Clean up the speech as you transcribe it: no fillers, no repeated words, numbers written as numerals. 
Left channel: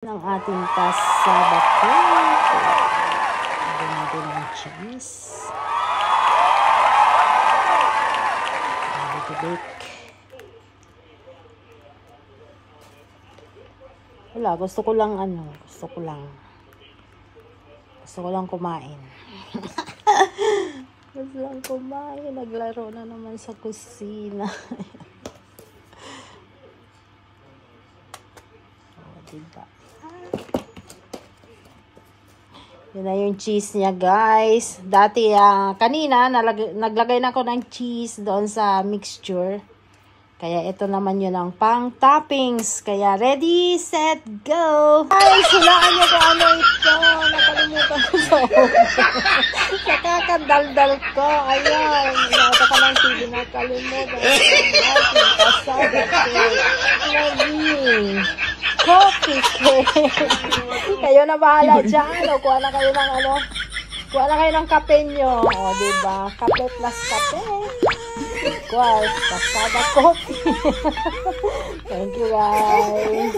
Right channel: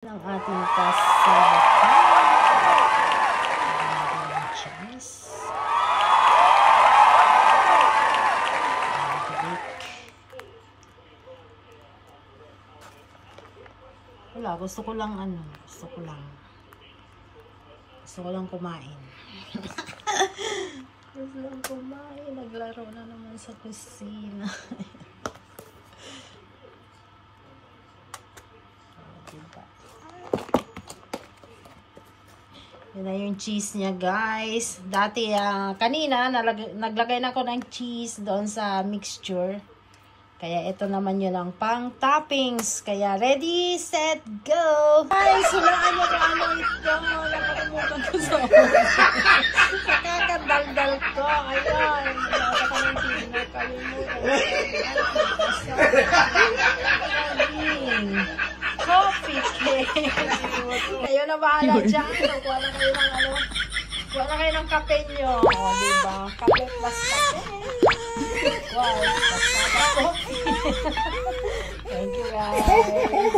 ng ating pasabaka. Ganda ng cheese. Wala, gusto ko lang kumain. Gusto lang kumain. Naglaro na naman sa kusina. Diba? Yun na yung cheese niya, guys. Dati, kanina, naglagay na ako ng cheese doon sa mixture. Kaya ito naman yun ang pang toppings. Kaya ready, set, go! Ay, sulaan niyo kung ano ito. Nakalimutan ko sa nakakadaldal ko. Ayan. Nakakalang hindi nakalimutan. Coffee cake. Kayo na bahala dyan. Kuha na kayo ng kuha na kayo ng kape nyo. O, diba? Kape plus kape. Wow, pasada coffee. Thank you, guys.